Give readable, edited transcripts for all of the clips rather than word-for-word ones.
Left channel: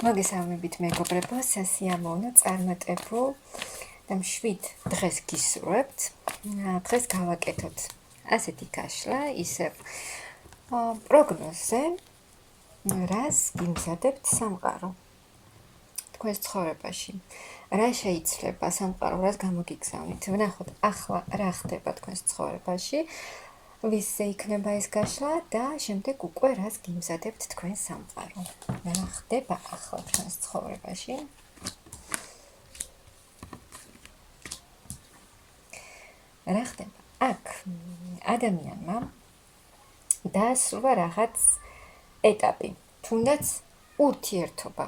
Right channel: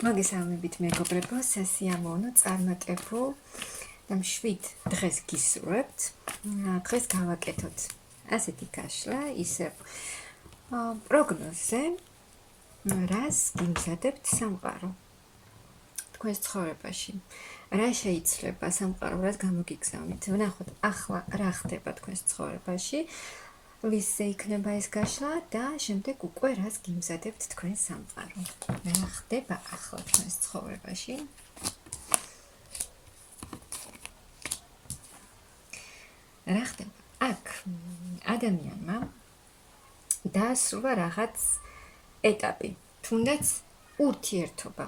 მოგესალმებით მეგობრებო, სასიამოვნო წარმატებულ და მშვიდ დღეს გისურვებთ. დღეს გავაკეთოთ ასეთი გაშლა, ისევ პროგნოზე, რას გიმზადებთ სამყარო თქვენს ცხოვრებაში. რა შეიძლება სამყარო, რას გამოგიგზავნით? ვნახოთ ახლა რა ხდება თქვენს ცხოვრებაში. ვისზე იქნება ეს გაშლა და შემდეგ უკვე რას გიმზადებთ თქვენ სამყარო. რა ხდება ახლა თქვენს ცხოვრებაში? რა ხდება? აქ ადამიანმა დაასრულა რაღაც ეტაპი, თუნდაც ურთიერთობა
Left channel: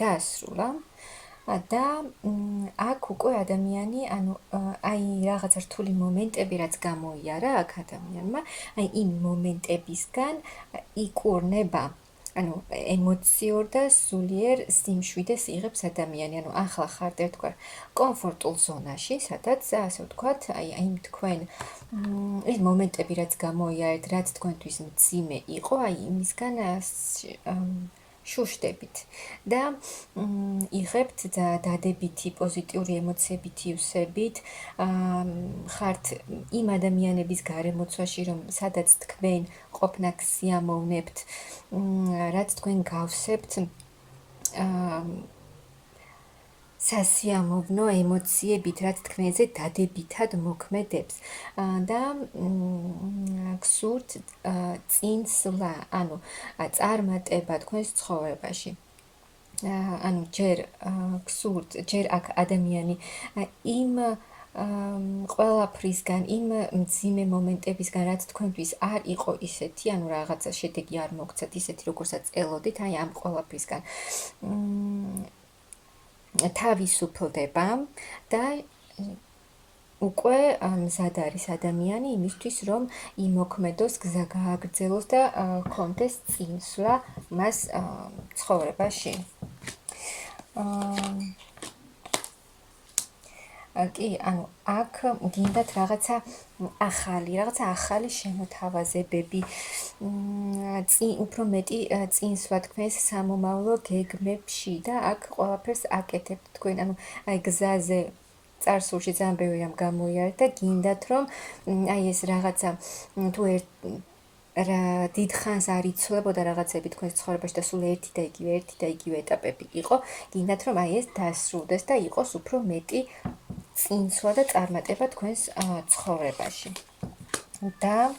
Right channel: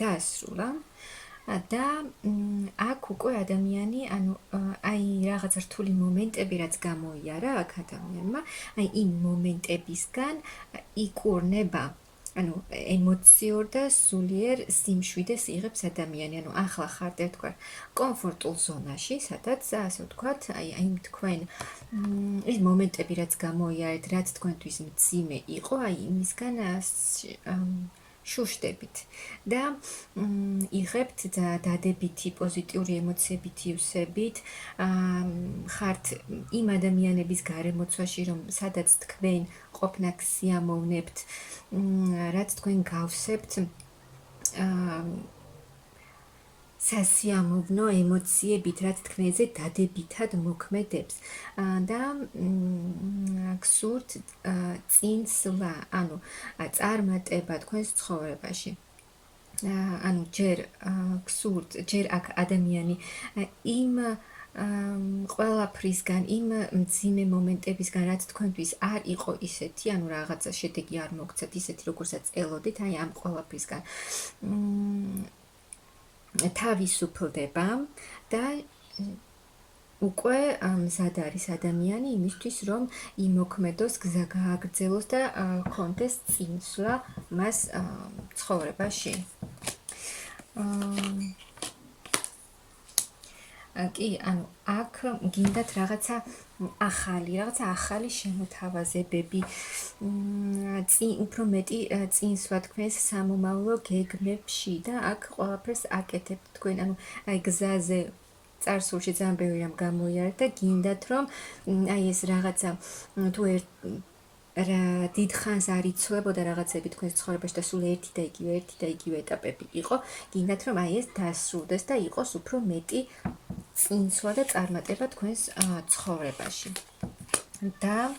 დაასრულა და აქ უკვე ადამიანი, აი რაღაც რთული მომენტები რაც გამოიარა აქ ადამიანმა, აი იმ მომენტებისგან იკურნება, ემოციურ და სულიერ სიმშვიდეს იღებს ადამიანი, ახლა ხართ ერთგვარ კომფორტულ ზონაში, სადაც ასე ვთქვათ, აი თქვენ ის მომენტები რაც გამოიარეთ, რაც თქვენთვის მძიმე იყო, აი იმისგან შუშდებით და იღებთ დადებითი პოზიტიური ემოციებით ივსებით, ხართ იმ ადამიანების გარემოცვაში, რომ სადაც თქვენ ყოფნაკ სიამოვნებთ, რაც თქვენ გავსებთ სასიამოვნო ემოციებით, რაც თქვენზე დადებითად მოქმედებს და გსურთ წინსვლა, წარმატება თქვენს ცხოვრებაში. ჯერ გსურთ, ჯერ აქ ადამიანი იმ ყველაფრისგან, იმ მძიმე მომენტებისგან, რაც თქვენთვის არ იყო ისეთი, რაღაცა შედეგი არ მოგცეთ ისეთი, როგორცაც ელოდით, აი ამ ყველაფრისგან თავისუფლდება და უკვე მზად არის ადამიანი იმისთვის, რომ იმოქმედოს, გზა გააგრძელოს და კონდეს წინსვლა მას ცხოვრებაში. კი, აქ გინდათ რაღაცა ახალი შემოთავაზებები, უფრო მეტი წინსვლა თქვენს სამომავლო გეგმებში და აქ ყველაფერს აკეთებთ თქვენ, აი გზაზე წარსულში ძალიან ბევრი რამ გამოიარეთ და გინდათ რომ აი ეს რაღაცა თუ დიდხანს არ იცვლებოდა რაღაცები თქვენს ცხოვრებაში და სულ ერთი და იგივე ეტაპები იყო, გინდათ რომ აი ეს დასრულდეს და იყოს უფრო მეტი წინსვლა და წარმატება თქვენს ცხოვრებაში. და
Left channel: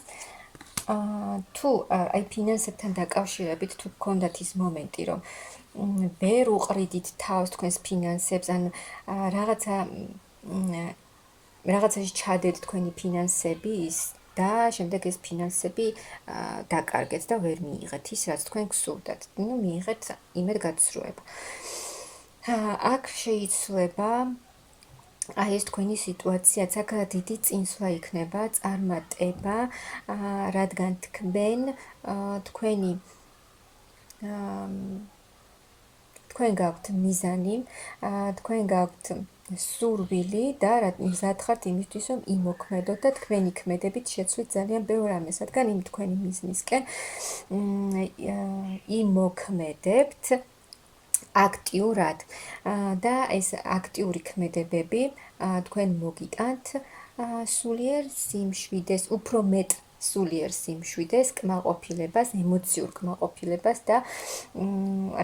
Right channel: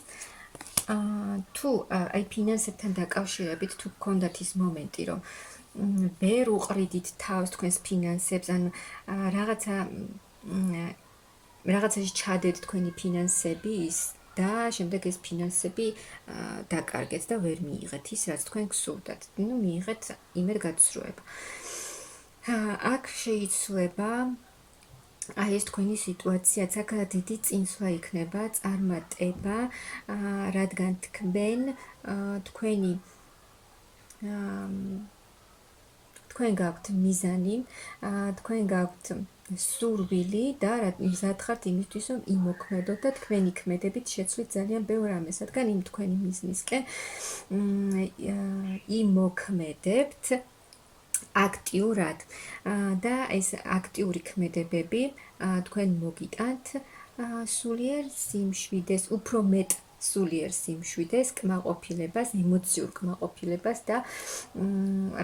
თუ აი ფინანსებთან დაკავშირებით თუ გქონდათ ის მომენტი, რომ ვერ უყრიდით თავს თქვენს ფინანსებს, რაღაცაში ჩადეთ თქვენი ფინანსები და შემდეგ ეს ფინანსები დაკარგეთ და ვერ მიიღეთ ის, რაც თქვენ გსურდათ. მიიღეთ იმედ გაცრუება. აქ შეიძლება აი ეს თქვენი სიტუაციაც, აქ დიდი წინსვლა იქნება, წარმატება, რადგან თქვენ გაქვთ მიზანი, თქვენ გაქვთ სურვილი და მზად ხართ იმისთვის, რომ იმოქმედოთ და თქვენი ქმედებით შეცვლით ძალიან ბევრ რამეს, რადგან იმ თქვენი მიზნისკენ იმოქმედებთ აქტიურად და ეს აქტიური ქმედებები თქვენ მოგიტანთ სულიერ სიმშვიდეს, უფრო მეტ სულიერ სიმშვიდეს, კმაყოფილებას, ემოციურ კმაყოფილებას და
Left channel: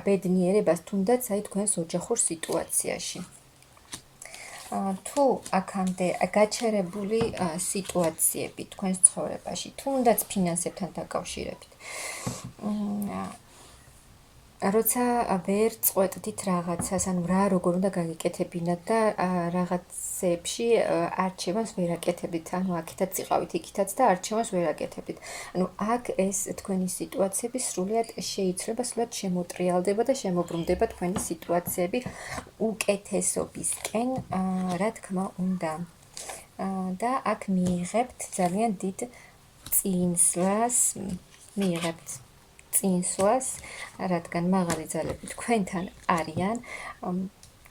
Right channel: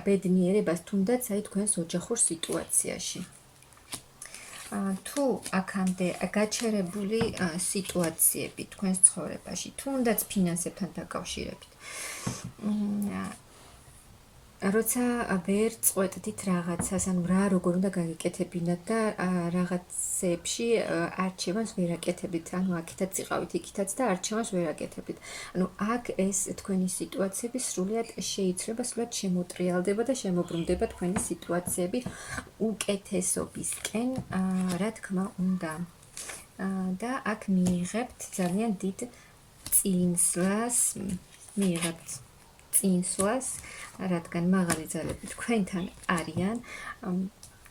ბედნიერებას, თუნდაც აი თქვენს ოჯახურ სიტუაციაში. თუ აქამდე გაჩერებული სიტუაციები თქვენს ცხოვრებაში, თუნდაც ფინანსებთან დაკავშირებით, როცა ვერ წყვეტდით რაღაცას, რა როგორ უნდა გაგიკეთებინათ და რაღაცებში არჩევანს ვერ აკეთებდით, აქითაც იყავით, იქითაც და არჩევანს ვერ აკეთებდით. აქ ეს თქვენი სიტუაციები სრულიად შეიცვლება, სრულიად შემოტრიალდება და შემოbrunდება თქვენი სიტუაციები უკეთესობისკენ, რა თქმა უნდა. და აქ მიიღებთ ძალიან დიდ წინსვლას, რადგან მაღალი ძალები თქვენთან არიან,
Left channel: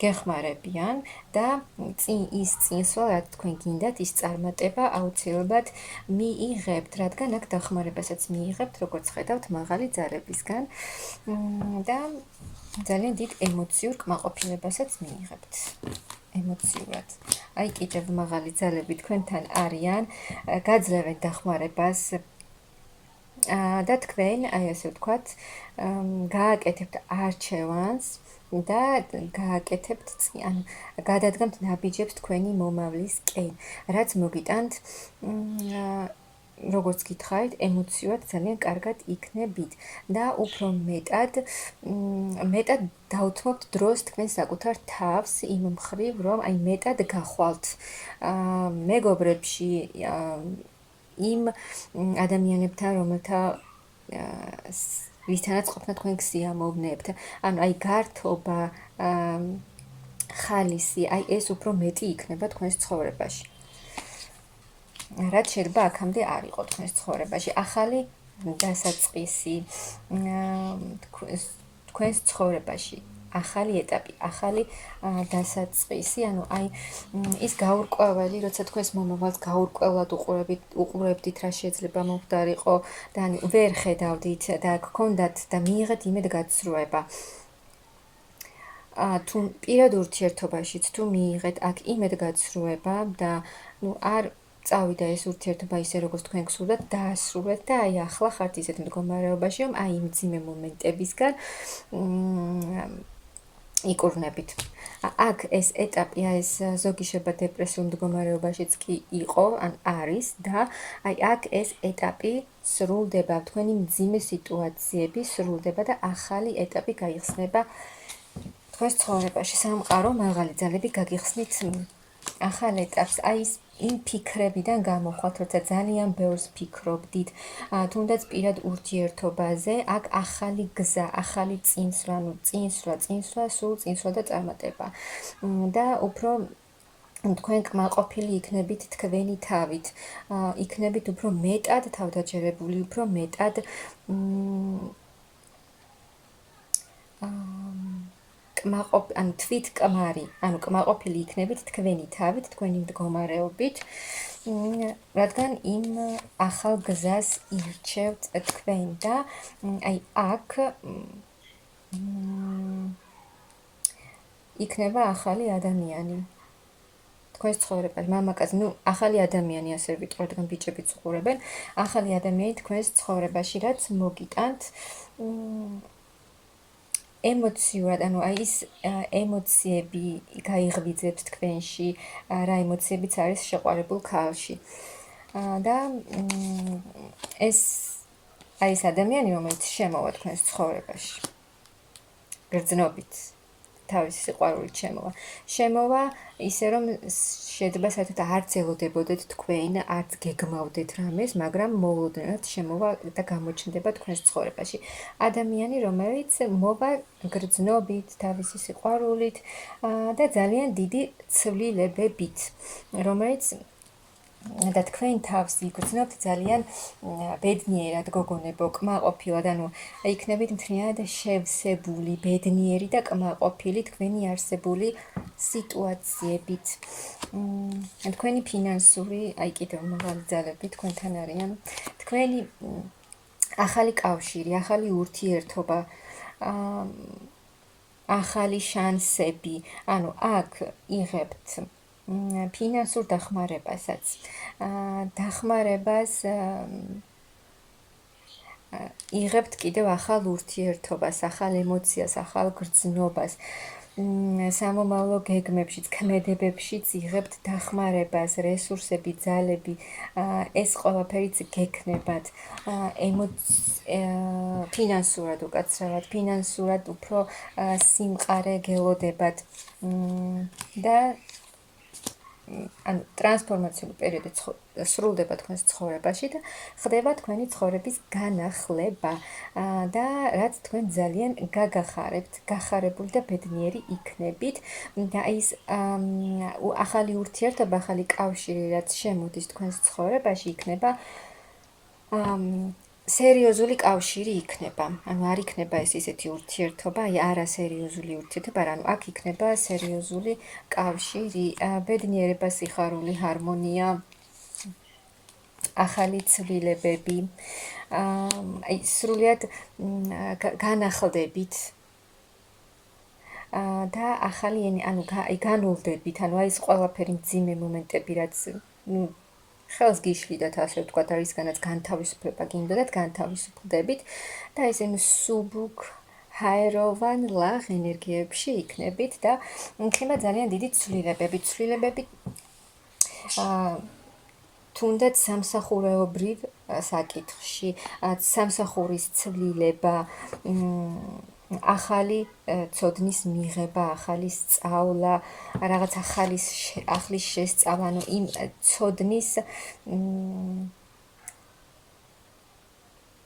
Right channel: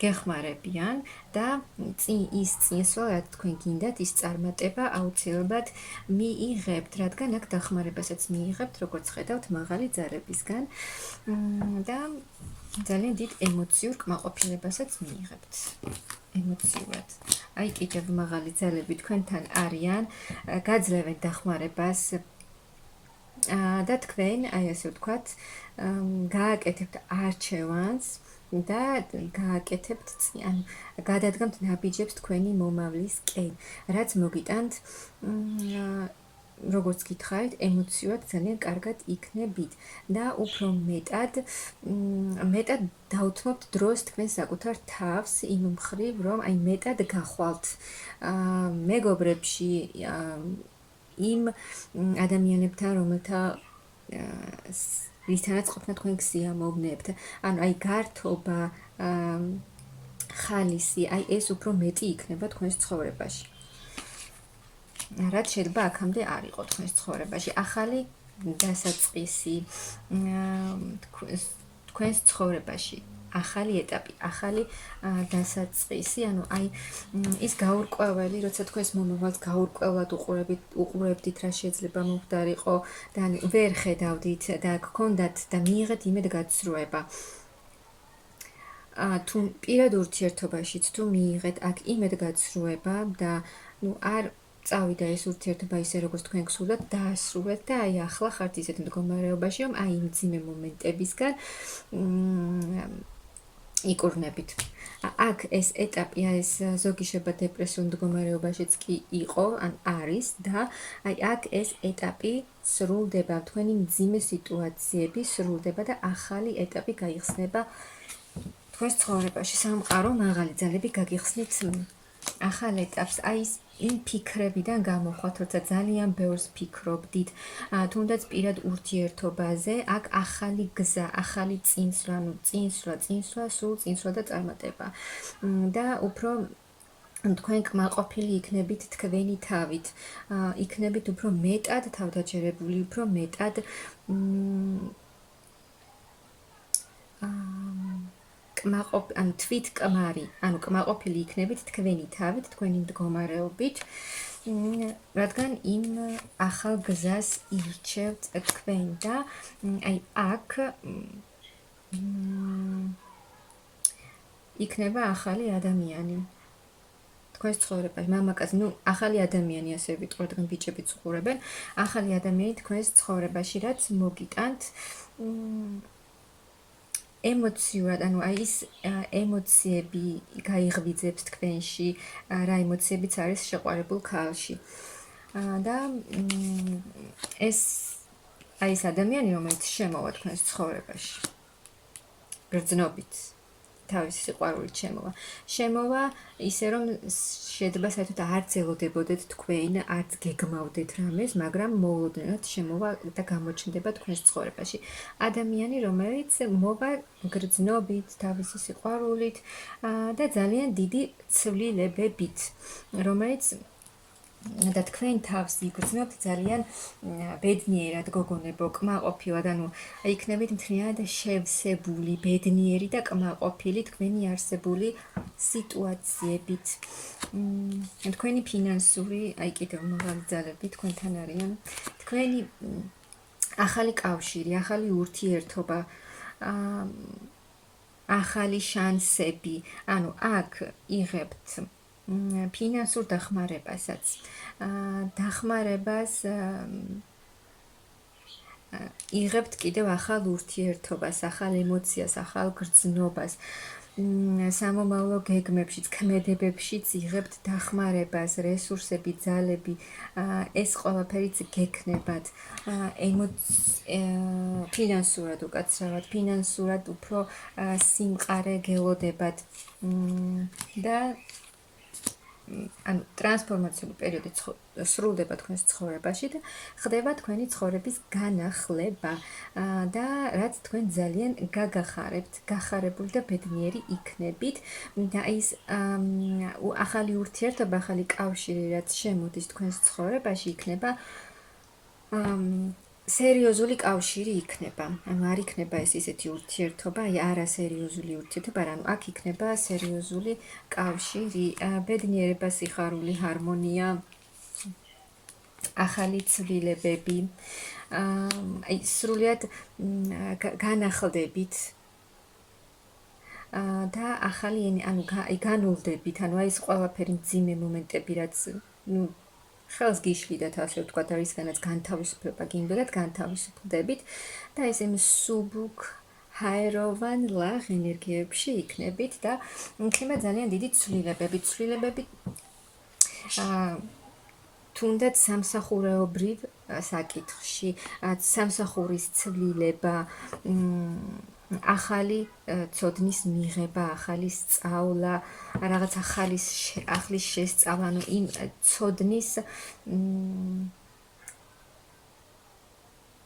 გეხმარებიან და ის წინსვლა, რაც თქვენ გინდათ, ის წარმატება აუცილებლად მიიღებთ, რადგან აქ დახმარებასაც მიიღებთ, როგორც ხედავთ, მაღალი ძალებისგან და ძალიან დიდ ემოციურ კმაყოფილებასაც მიიღებთ. ემოციურად. აი კიდევ მაღალი ძალები თქვენთან არიან, გაძლევენ დახმარებას და თქვენ, აი ასე ვთქვათ, გააკეთებთ არჩევანს და გააკეთებთ ანუ გადადგამთ ნაბიჯებს თქვენი მომავლისკენ, რაც მოგიტანთ როგორც გითხარით, ემოციურად ძალიან კარგად იქნებით და უფრო მეტად დაუთმობთ დროს თქვენ საკუთარ თავს იმ მხრივ, რომ აი მეტად გახვალთ მეგობრებში იმ ადამიანებთან, ვისთანაც ყოფნა თქვენ გსიამოვნებთ. ანუ აი გართობა, ხალისი, აი ეს უფრო მეტი იქნება თქვენს ცხოვრებაში. რაც შეიძლება აქამდე არ იყო თქვენს ცხოვრებაში. ახალი დასაწყისი თქვენს ცხოვრებაში. ახალი ეტაპი, ახალი დასაწყისი, ანუ აი ის გაურკვეველი, როცა თქვენს მომავალს გაურკვევლად უყურებდით, რა შეიძლება მომხდარიყო და ვერ ხედავდით და გქონდათ და მიიღეთ იმედგაცრუება. თუ პირად ურთიერთობაშიც თუ მიიღეთ აქ იმედგაცრუება და არ წავიდა ეს ურთიერთობა ისე როგორც თქვენ გსურდათ, დაასრულეთ და აი ახლა ხართ ისეთ მდგომარეობაში, რომ აი იმ ძიმე მომენტებისგან იკურნებით. აქ ეს ეტაპი, ეს ზოგი შეიძლება დეპრესიულ მდგომარეობაშიც კი იყო, ან არის და აი აქ ეს ეტაპი სრულდება, თქვენი მძიმე სიტუაციები სრულდება და ახალი ეტაპი გაიხსნება თქვენს ცხოვრებაში. სამყარო მაღალი ძალები გაგიხსნით ახალ ეტაპს, აი იმ ფიქრებიდან გამოხვათ, როცა ძალიან ბევრს ფიქრობდით, თუნდაც პირად ურთიერთობაზე, აქ ახალი გზა, ახალი წინსვლა, სულ წინსვლა და წარმატება. და უფრო თქვენ კმაყოფილი იქნებით თქვენი თავით, იქნებით უფრო მეტად თავდაჯერებული, უფრო მეტად ანუ თვითკმარი, ანუ კმაყოფილი იქნებით თქვენი თავით, თქვენი მდგომარეობით, რადგან იმ ახალ გზას ირჩევთ თქვენ და აი აქ იქნება ახალი ადამიანი თქვენს ცხოვრებაში, მამაკაცი, ახალი ადამიანი, ასე ვიტყვი, რადგან ბიჭებიც უყურებენ, ახალი ადამიანი თქვენს ცხოვრებაში, რაც მოგიტანთ ემოციურად, ანუ აი ის ემოციები გაიღვიძებთ თქვენში, რა ემოციებიც არის შეყვარებულ ქალში. და ეს აი ეს ადამიანი, რომელიც შემოვა თქვენს ცხოვრებაში, გრძნობით, თავისი სიყვარულით შემოვა ისე, რომ შეიძლება საერთოდ არც ელოდებოდეთ თქვენ, არც გეგმავდეთ რამეს, მაგრამ მოულოდნელად შემოვა და გამოჩნდება თქვენს ცხოვრებაში. ადამიანი, რომელიც მოვა გრძნობით, თავისი სიყვარულით და ძალიან დიდი ცვლილებებით, რომელიც და თქვენ თავს იგრძნობთ ძალიან ბედნიერად, გოგონებო, კმაყოფილად, ანუ იქნებით მთლიანად შევსებული, ბედნიერი და კმაყოფილი თქვენი არსებული სიტუაციებით. თქვენი ფინანსური, აი კიდევ მაღალი ძალები თქვენთან არიან. თქვენი ახალი კავშირი, ახალი ურთიერთობა, ახალი შანსები, ანუ აქ იღებთ ფინანსურ დახმარებასაც. დახმარებას იღებთ კიდევ ახალ ურთიერთობას, ახალ ემოციას, ახალ გრძნობას. სამომავლო გეგმებშიც, ქმედებებშიც იღებთ დახმარებას, რესურსები, ძალები, ეს ყველაფერიც გექნებათ. ფინანსურად უკაცრავად, ფინანსურად უფრო სიმყარე გელოდებათ და ანუ ტრანსფორმაციული პერიოდი სრულდება თქვენს ცხოვრებაში და ხდება თქვენი ცხოვრების განახლება და რაც თქვენ ძალიან გაგახარებთ, გახარებული და ბედნიერი იქნებით და ის ახალი ურთიერთობა, ახალი კავშირი, რაც შემოდის თქვენს ცხოვრებაში, იქნება სერიოზული კავშირი იქნება. ანუ არ იქნება ეს ისეთი ურთიერთობა, აი არასერიოზული ურთიერთობა, ანუ აქ იქნება სერიოზული კავშირი, ბედნიერება, სიხარული, ჰარმონია, ახალი ცვლილებები. აი სრულიად განახლდებით და ახალი ენი, ანუ განულდებით, ანუ აი ეს ყველაფერი მძიმე მომენტები, რაც ხელს გიშლიდათ, ასე ვთქვათ, და რისგანაც განთავისუფლება გინდოდათ, განთავისუფლდებით და ეს იმ სუბუქ ჰაეროვან ლაღ ენერგიებში იქნებით და იქნება ძალიან დიდი ცვლილებები თუნდაც სამსახურეობრივ საკითხში, სამსახურის ცვლილება, ახალი ცოდნის მიღება, ახალი სწავლა, რაღაც ახლის შესწავლა, ანუ იმ ცოდნის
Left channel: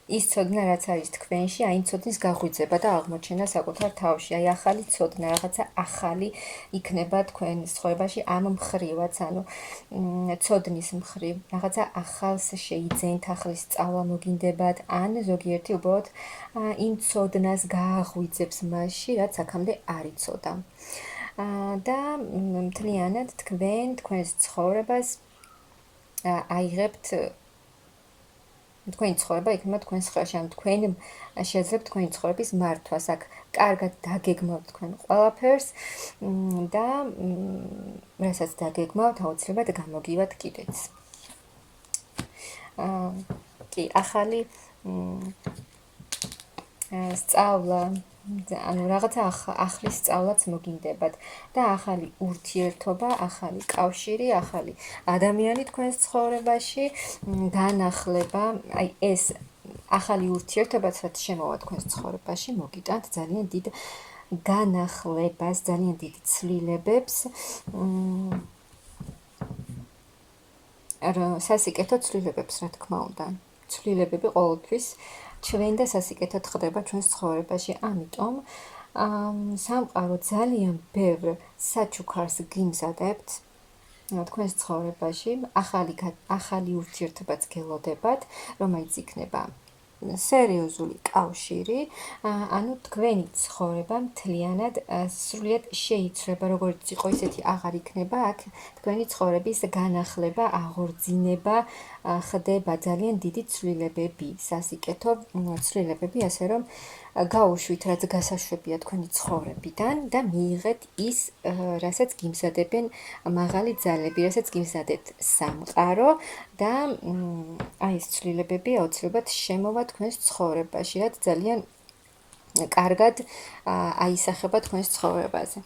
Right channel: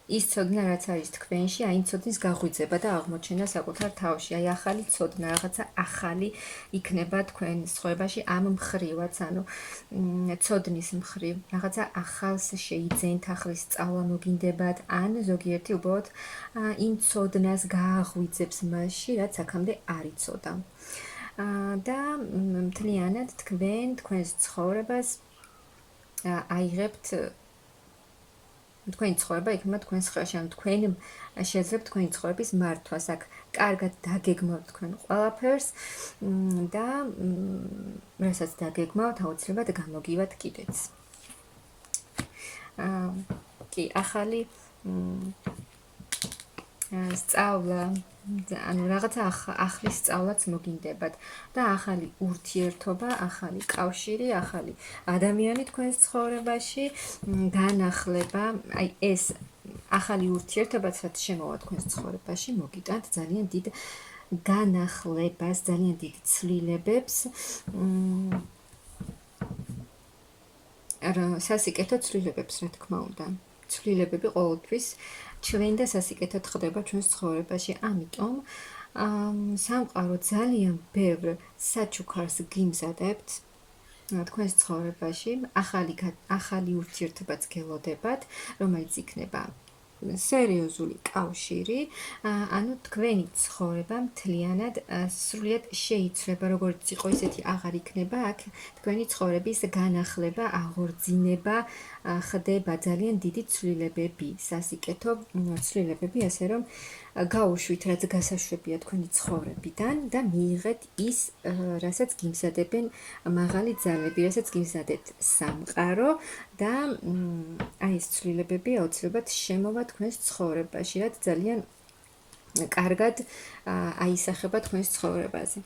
ის ცოდნა, რაც არის თქვენში, აი იმ ცოდნის გაღვიძება და აღმოჩენა საკუთარ თავში, აი ახალი ცოდნა, რაღაცა ახალი იქნება თქვენ ცხოვრებაში ამ მხრივაც, ანუ ცოდნის მხრივ, რაღაცა ახალს შეიძენთ, ახლის სწავლა მოგინდებათ, ან ზოგიერთი უბრალოდ იმ ცოდნას გააღვიძებს მასში, რაც აქამდე არ იცოდა. და მთლიანად თქვენს ცხოვრებას აიღებთ თქვენი ცხოვრება იქნება თქვენს ხელში, ანუ თქვენ შეძლებთ თქვენი ცხოვრების მართვას, აქ კარგად დაგეგმავთ თქვენ ყველაფერს და რასაც დაგეგმავთ, აუცილებლად გამოგივათ კიდეც. კი, ახალი სწავლა, ანუ რაღაცა ახლის სწავლაც მოგინდებათ და ახალი ურთიერთობა, ახალი კავშირი, ახალი ადამიანი თქვენს ცხოვრებაში, განახლება, აი ეს ახალი ურთიერთობაც რაც შემოვა თქვენს ცხოვრებაში, მოგიტანთ ძალიან დიდ განახლებას, ძალიან დიდ ცვლილებებს, სასიკეთო ცვლილებებს, რა თქმა უნდა. ცვლილებები ყოველთვის ჩვენ და სასიკეთოდ ხდება ჩვენს ცხოვრებაში. ამიტომ სამყარო ძალიან ბევრ საჩუქარს გიმზადებთ თქვენს ცხოვრებაში, ახალი ურთიერთობაც გელოდებათ, რომელიც იქნება სერიოზული კავშირი, ანუ თქვენი ცხოვრება მთლიანად სრულიად შეიცვლება, როგორც იყო ისეთი აღარ იქნება, აქ თქვენი ცხოვრების განახლება, აღორძინება ხდება, ძალიან დიდი ცვლილებები, სასიკეთო ცვლილებები, ასე რომ გაუშვით, რაც გასაშვებია თქვენი ცხოვრებიდან და მიიღეთ ის, რასაც გიმზადებენ მაღალი ძალები, რასაც გიმზადეთ სამყარო და აი ეს ცვლილებები აუცილებლად შემოვა თქვენს ცხოვრებაში, რაც ძალიან კარგად აისახება თქვენს ცხოვრებაზე.